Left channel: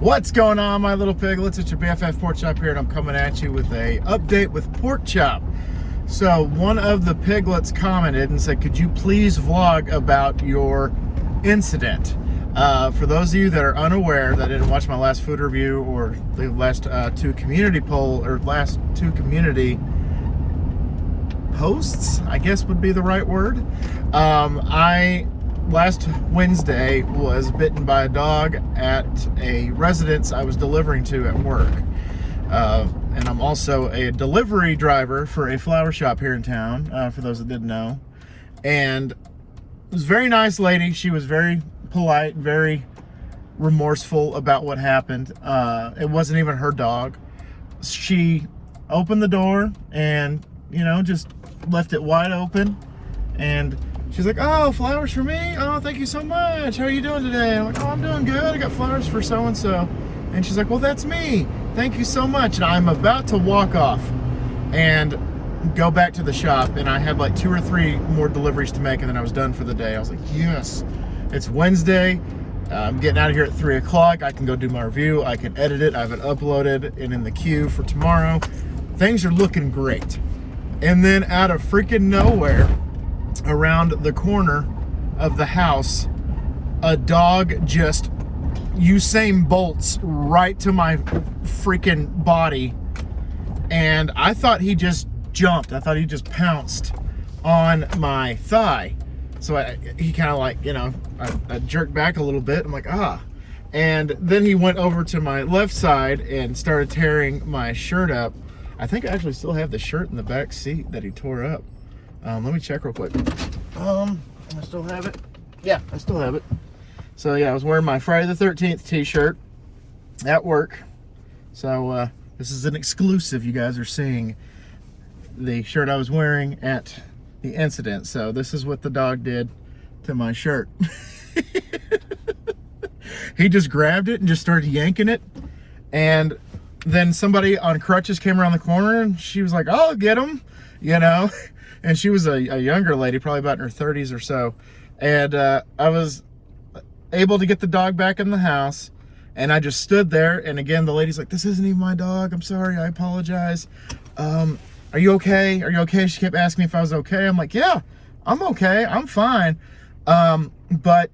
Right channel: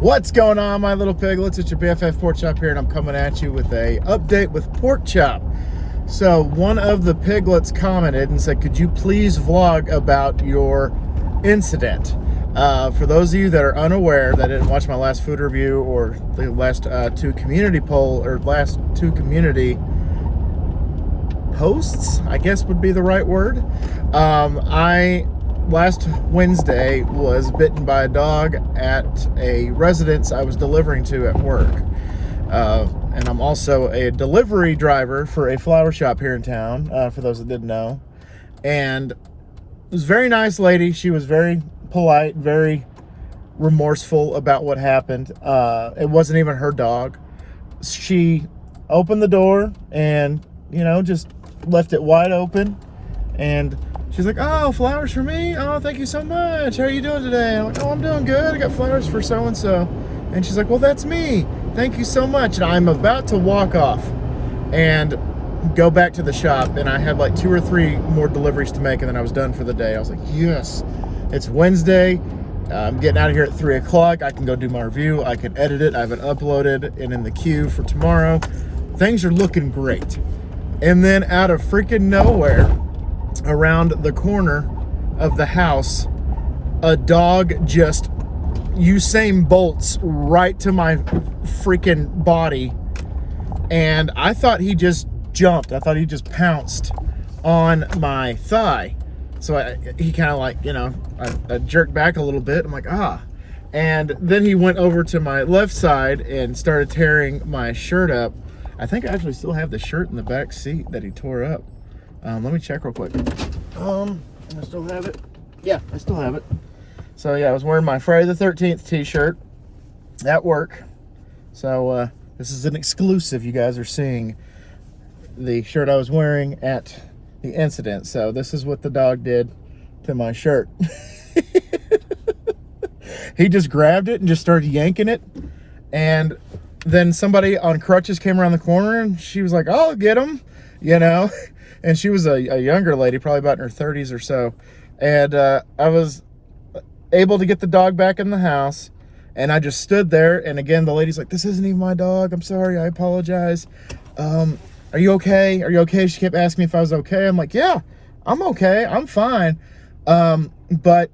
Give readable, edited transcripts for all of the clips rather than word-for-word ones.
What's going on, my little piglets? It's your BFF Pork Chop here, and I'm coming at you with a update with Pork Chop. So one of the piglets commented and said, could you please vlog about your incident? For those of you that are unaware, that didn't watch my last food review or the last two community posts, I guess would be the right word. I last Wednesday was bitten by a dog at a residence I was delivering to at work. And I'm also a delivery driver for a flower shop here in town, for those that didn't know. And it was a very nice lady. She was very polite, very remorseful about what happened. It wasn't even her dog. She opened the door and, you know, just left it wide open. And she's like, oh, flowers for me? Oh, thank you so much. How are you doing today? And I'm like, oh, I'm doing good. I got flowers for so-and-so. And she's like, well, that's me. Thank you so much. And I'm about to walk off and go back to the shop. And I had like 2 or 3 more deliveries to make, and then I was done for the day. I was like, yes, it's Wednesday. I'm getting out of here at 3 o'clock. I can go do my review. I can edit it. I have it uploaded and in the queue for tomorrow. Things are looking great. And then out of freaking nowhere, around the corner of the house, a dog just Usain Bolts right to my freaking body, and I thought he just jumped. I thought he just pounced on my thigh. So he kind of like, you know, I jerked back a little bit. I'm like, ah. And then he went over to my left side and started tearing my shirt up. I think I actually still have the shirt in the back seat that he tore up. Let me check real quick. I still have it. Yeah, I still have it. So yeah, I was wearing my Friday the 13th t-shirt at work. So this is an exclusive. You guys are seeing the shirt I was wearing at the incident. So this is what the dog did to my shirt. He just grabbed it and just started yanking it. And then somebody on crutches came around the corner and she was like, oh, get him, you know. And she was a younger lady, probably about in her 30s or so. And I was able to get the dog back in the house. And I just stood there. And again, the lady's like, this isn't even my dog. I'm sorry. I apologize. Are you okay? Are you okay? She kept asking me if I was okay. I'm like, yeah, I'm okay. I'm fine. But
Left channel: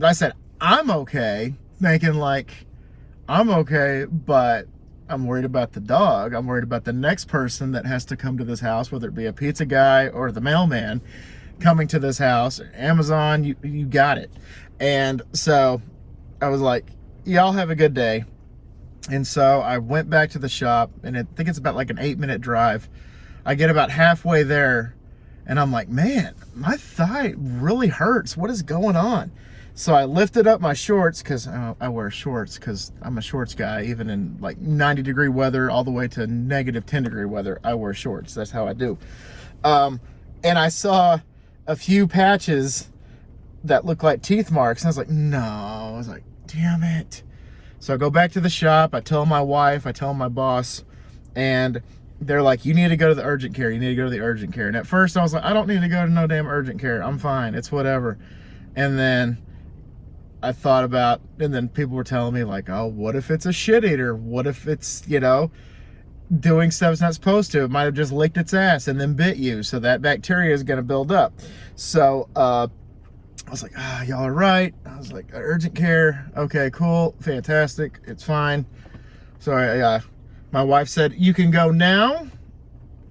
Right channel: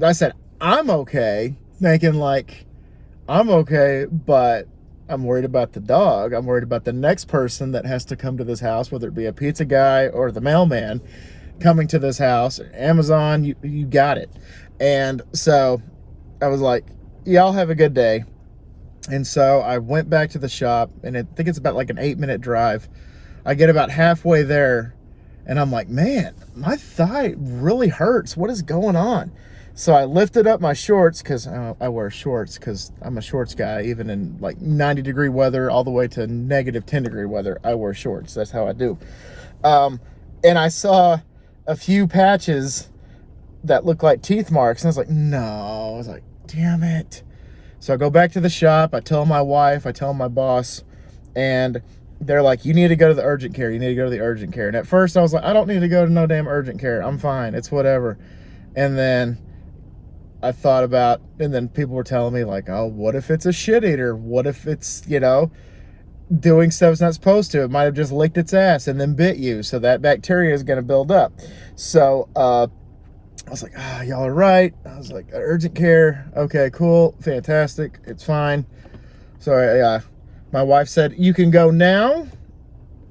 I said, I'm okay. Thinking like, I'm okay, but I'm worried about the dog. I'm worried about the next person that has to come to this house, whether it be a pizza guy or the mailman coming to this house. Amazon, you got it. And so I was like, y'all have a good day. And so I went back to the shop, and I think it's about like an 8-minute drive. I get about halfway there, and I'm like, man, my thigh really hurts. What is going on? So I lifted up my shorts, because I wear shorts because I'm a shorts guy. Even in like 90-degree weather all the way to negative 10-degree weather, I wear shorts. That's how I do. And I saw a few patches that looked like teeth marks, and I was like, no. I was like, damn it. So I go back to the shop. I tell my wife, I tell my boss, and they're like, you need to go to the urgent care. You need to go to the urgent care. And at first I was like, I don't need to go to no damn urgent care. I'm fine. It's whatever. And then I thought about, and then people were telling me like, oh, what if it's a shit eater? What if it's, you know, doing stuff it's not supposed to? It might have just licked its ass and then bit you. So that bacteria is going to build up. So I was like, ah, y'all are right. I was like, urgent care. Okay, cool. Fantastic. It's fine. So my wife said, you can go now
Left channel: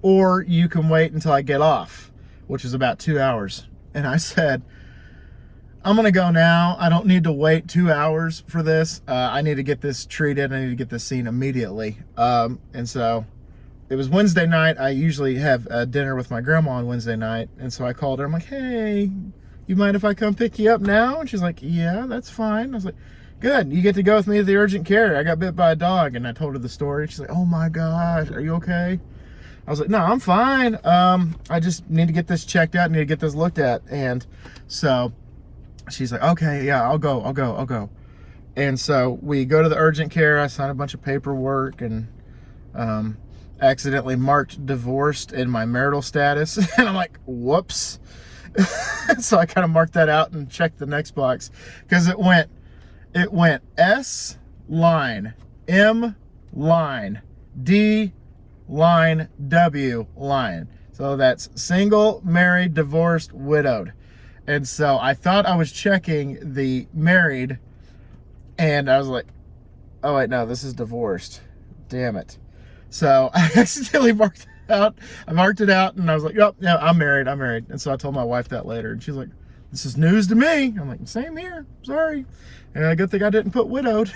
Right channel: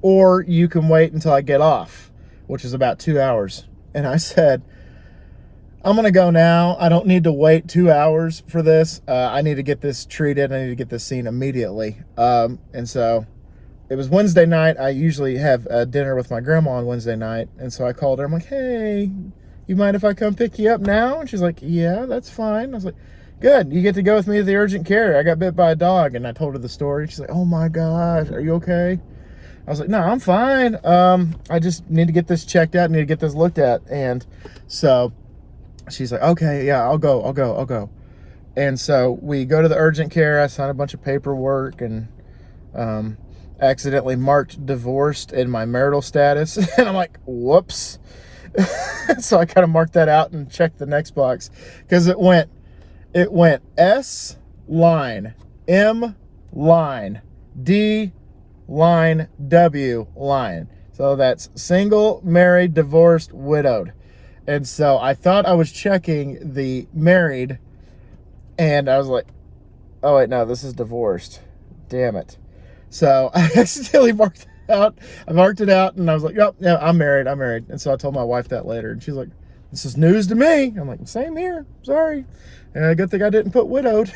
or you can wait until I get off, which is about 2 hours. And I said, I'm going to go now. I don't need to wait 2 hours for this. I need to get this treated. I need to get this seen immediately. And so it was Wednesday night. I usually have dinner with my grandma on Wednesday night. And so I called her. I'm like, hey, you mind if I come pick you up now? And she's like, yeah, that's fine. I was like, good. You get to go with me to the urgent care. I got bit by a dog. And I told her the story. She's like, oh my gosh, are you okay? I was like, no, I'm fine. I just need to get this checked out. I need to get this looked at. And so she's like, okay, yeah, I'll go. And so we go to the urgent care. I signed a bunch of paperwork and accidentally marked divorced in my marital status. And I'm like, whoops. So I kind of marked that out and checked the next box, because it went S line, M line, D line, W line. So that's single, married, divorced, widowed. And so I thought I was checking the married, and I was like, oh wait, no, this is divorced. Damn it. So I accidentally marked it out. I marked it out, and I was like, yep, yeah, I'm married. And so I told my wife that later, and she's like, this is news to me. I'm like, same here, sorry. And good thing I didn't put widowed.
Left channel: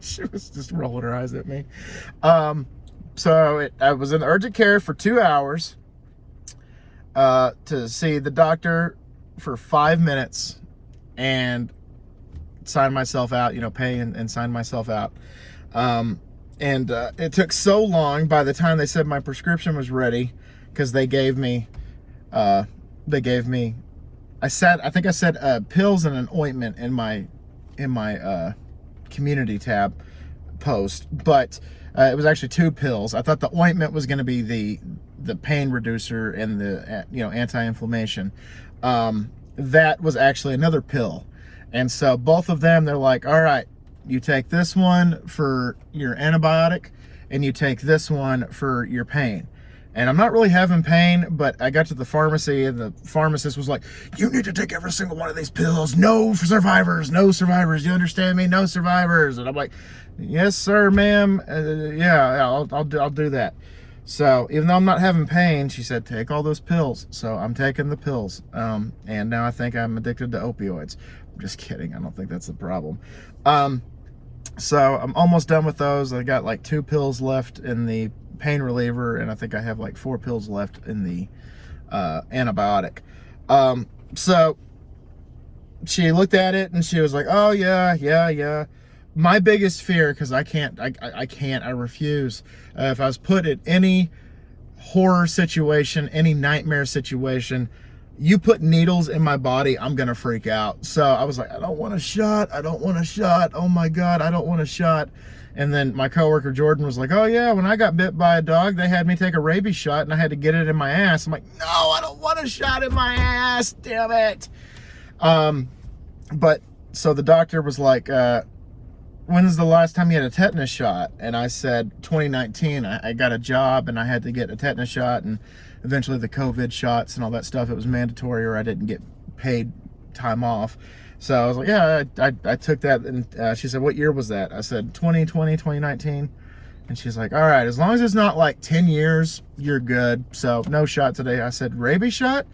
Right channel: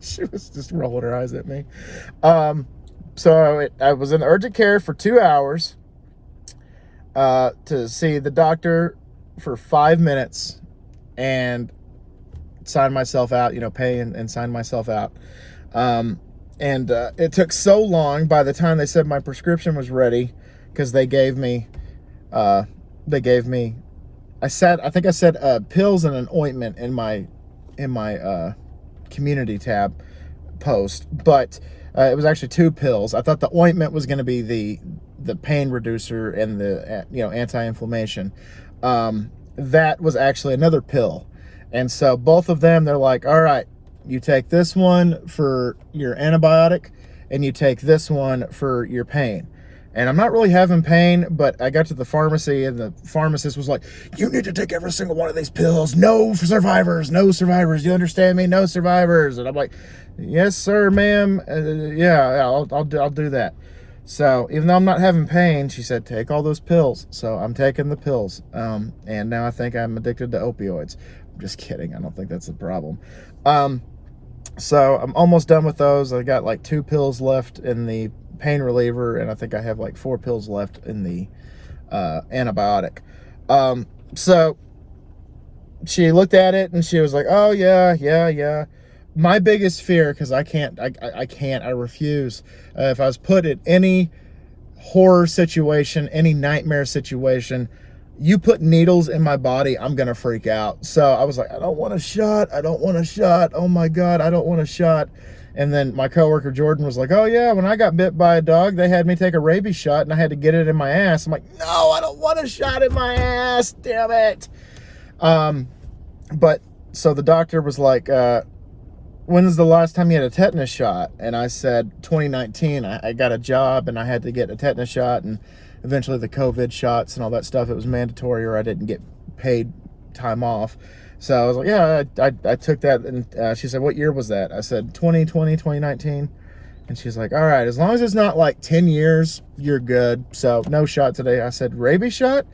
She was just rolling her eyes at me. So I was in urgent care for 2 hours to see the doctor for 5 minutes and sign myself out, pay and sign myself out. It took so long by the time they said my prescription was ready, because they gave me, I think I said pills and an ointment in my community tab post, but it was actually 2 pills. I thought the ointment was going to be the pain reducer and the anti-inflammation. That was actually another pill. And so both of them, they're like, all right, you take this one for your antibiotic and you take this one for your pain. And I'm not really having pain, but I got to the pharmacy and the pharmacist was like, you need to take every single one of these pills. No survivors, no survivors. You understand me? No survivors. And I'm like, yes, sir, ma'am. Yeah, I'll do that. So even though I'm not having pain, she said, take all those pills. So I'm taking the pills. And now I think I'm addicted to opioids. I'm just kidding. I don't think that's the problem. So I'm almost done with those. I got like 2 pills left in the pain reliever, and I think I have like 4 pills left in the antibiotic. So she looked at it and she was like, oh yeah. My biggest fear, because I refuse. If I was put in any horror situation, any nightmare situation, you put needles in my body, I'm gonna freak out. So I was like, I don't want a shot. Oh my God, I don't want a shot. And then my coworker Jordan was like, oh yeah, when I got bit by a dog, they had me take a rabies shot and I had to get it in my ass. I'm like, no, I don't want a shot in my ass, damn it. But so the doctor was like, when's the last time you had a tetanus shot? And I said 2019. I got a job and I had to get a tetanus shot, and eventually the COVID shots and all that stuff, it was mandatory or I didn't get paid time off. So I was like, yeah, I took that. And she said, what year was that? I said 2020, 2019. And she's like, all right, as long as it's not like 10 years, you're good. So no shot today. I said, rabies shot?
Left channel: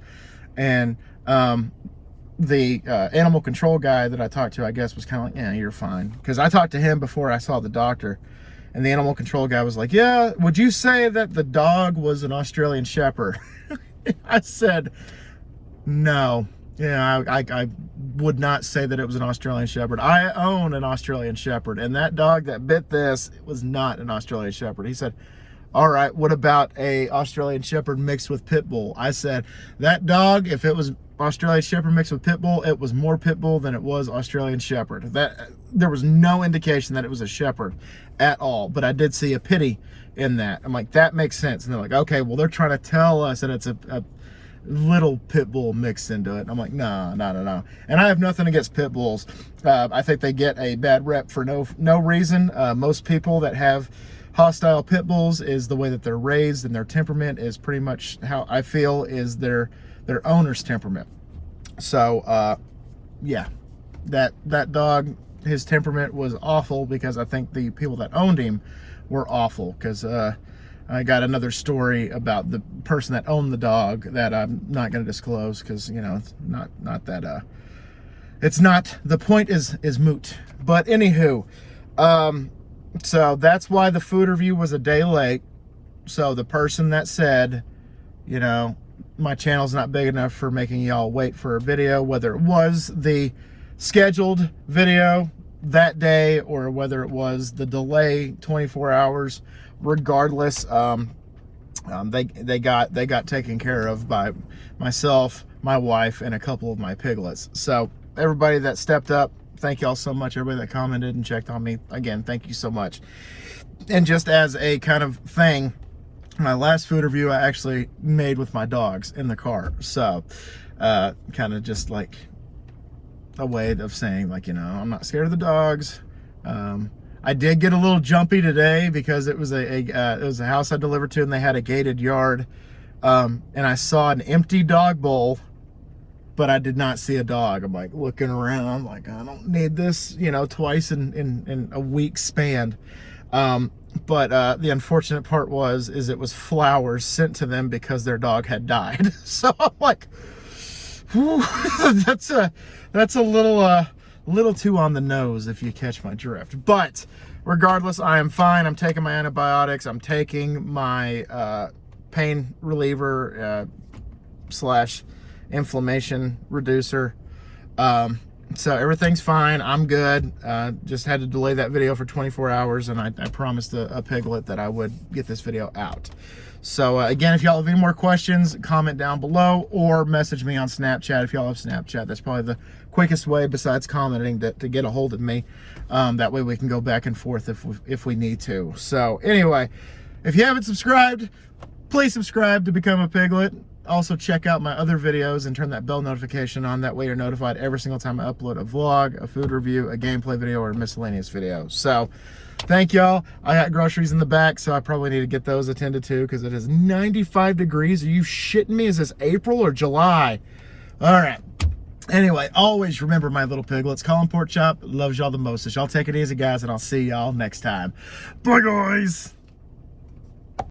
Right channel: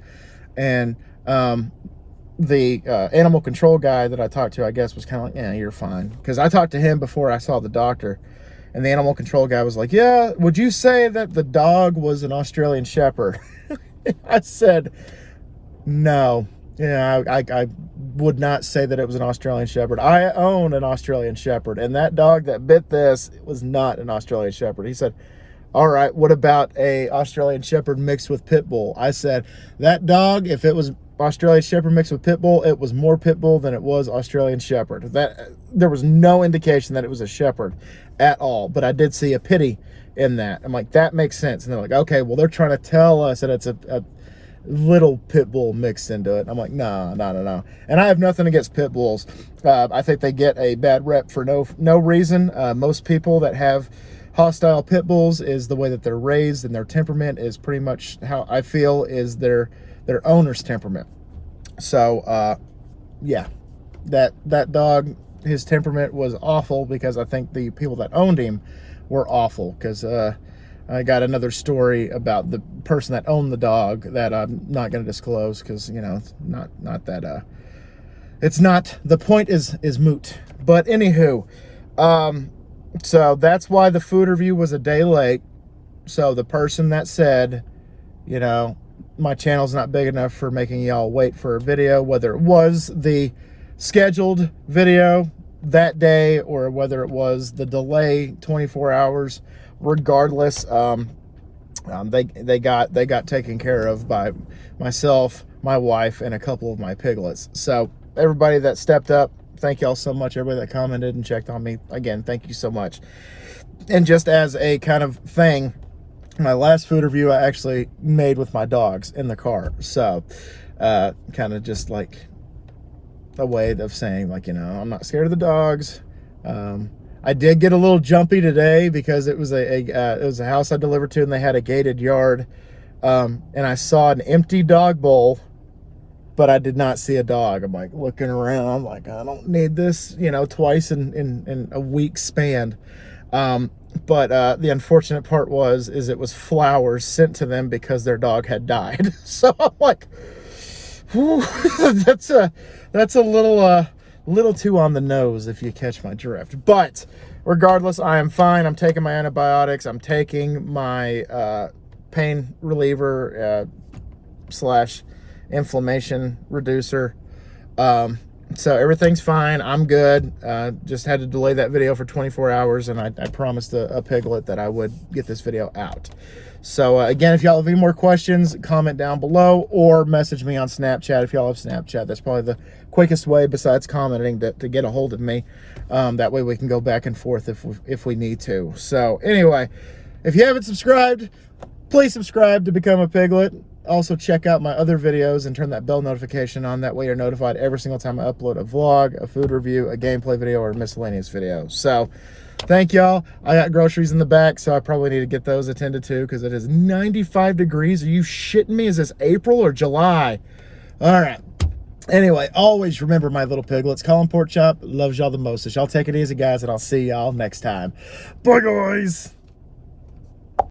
And the animal control guy that I talked to, I guess, was kind of like, yeah, you're fine. Because I talked to him before I saw the doctor. And the animal control guy was like, yeah, would you say that the dog was an Australian Shepherd? I said, no. Yeah, I would not say that it was an Australian Shepherd. I own an Australian Shepherd, and that dog that bit this was not an Australian Shepherd. He said, all right, what about a Australian Shepherd mixed with Pit Bull? I said, that dog, if it was Australian Shepherd mixed with Pit Bull, it was more Pit Bull than it was Australian Shepherd. There was no indication that it was a Shepherd at all, but I did see a pity in that. I'm like, that makes sense. And they're like, okay, well, they're trying to tell us that it's a little Pit Bull mixed into it. I'm like, no. And I have nothing against Pit Bulls. I think they get a bad rep for no reason. Most people that have hostile Pit Bulls is the way that they're raised, and their temperament is pretty much how I feel is their owner's temperament. So yeah, that dog, his temperament was awful, because I think the people that owned him were awful. Because I got another story about the person that owned the dog that I'm not going to disclose, because it's not that it's not, the point is moot. But anywho, so that's why the food review was a day late. So the person that said, my channel's not big enough for making y'all wait for a video, whether it was the scheduled video that day or whether it was the delay 24 hours, regardless, they got taken care of by myself, my wife, and a couple of my piglets. So everybody that stepped up, thank y'all so much. Everybody that commented and checked on me, again, thank you so much. And just as a kind of thing, my last food review I actually made with my dogs in the car. So kind of just like a way of saying, like, I'm not scared of the dogs. I did get a little jumpy today because it was a house I delivered to, and they had a gated yard, and I saw an empty dog bowl, but I did not see a dog. I'm like looking around, like I don't need this, you know, twice in a week span. But the unfortunate part is it was flowers sent to them because their dog had died. So I'm like, whew, that's a little too on the nose, if you catch my drift. But regardless, I am fine. I'm taking my antibiotics. I'm taking my pain reliever slash inflammation reducer. So everything's fine. I'm good. Just had to delay that video for 24 hours, and I promised a piglet that I would get this video out. So again, if y'all have any more questions, comment down below or message me on Snapchat if y'all have Snapchat. That's probably the quickest way besides commenting to get a hold of me. That way we can go back and forth if we need to. So anyway, if you haven't subscribed, please subscribe to become a piglet. Also check out my other videos and turn that bell notification on. That way you're notified every single time I upload a vlog, a food review, a gameplay video, or a miscellaneous video. So thank y'all. I got groceries in the back, so I probably need to get those attended to because it is 95 degrees. Are you shitting me? Is this April or July? All right. Anyway, always remember, my little piglets, Colin Pork Chop loves y'all the most. So y'all take it easy, guys, and I'll see y'all next time. Bye, guys.